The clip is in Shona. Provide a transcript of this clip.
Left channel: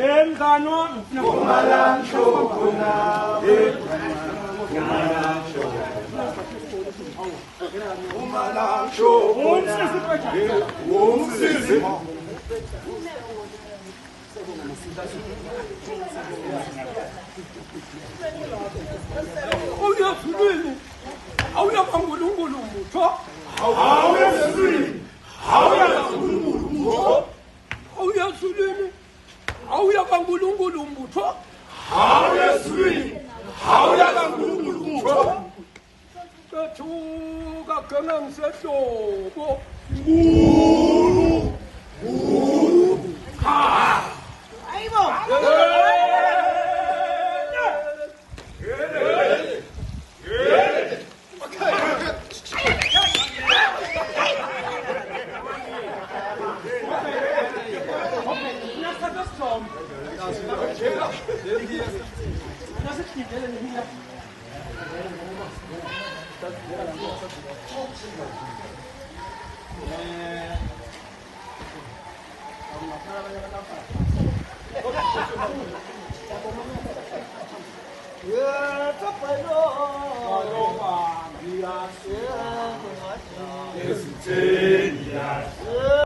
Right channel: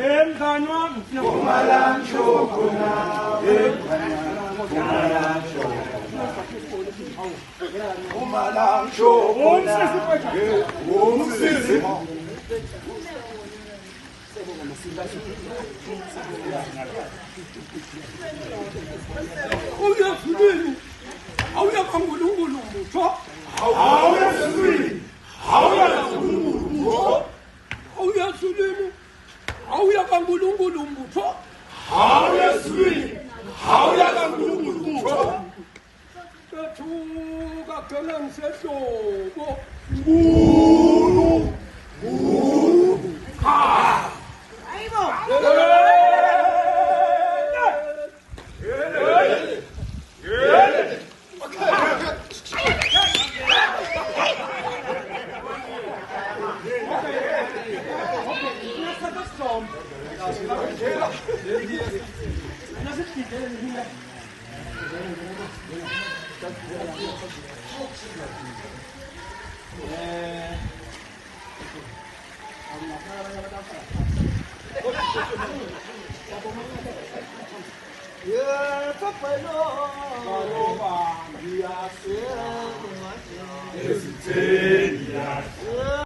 Enganon, Kumalan Shokuna, Kumalan Shokuna, Auya Sulu, Auya Bangulungu, Auya Sulu, Auya Sulu, Auya Sulu. Auya kangulungulungu tho auya swi auya kangulungulungu tho kathuka ganang sehlobo ngulu ha ayibo Yeah,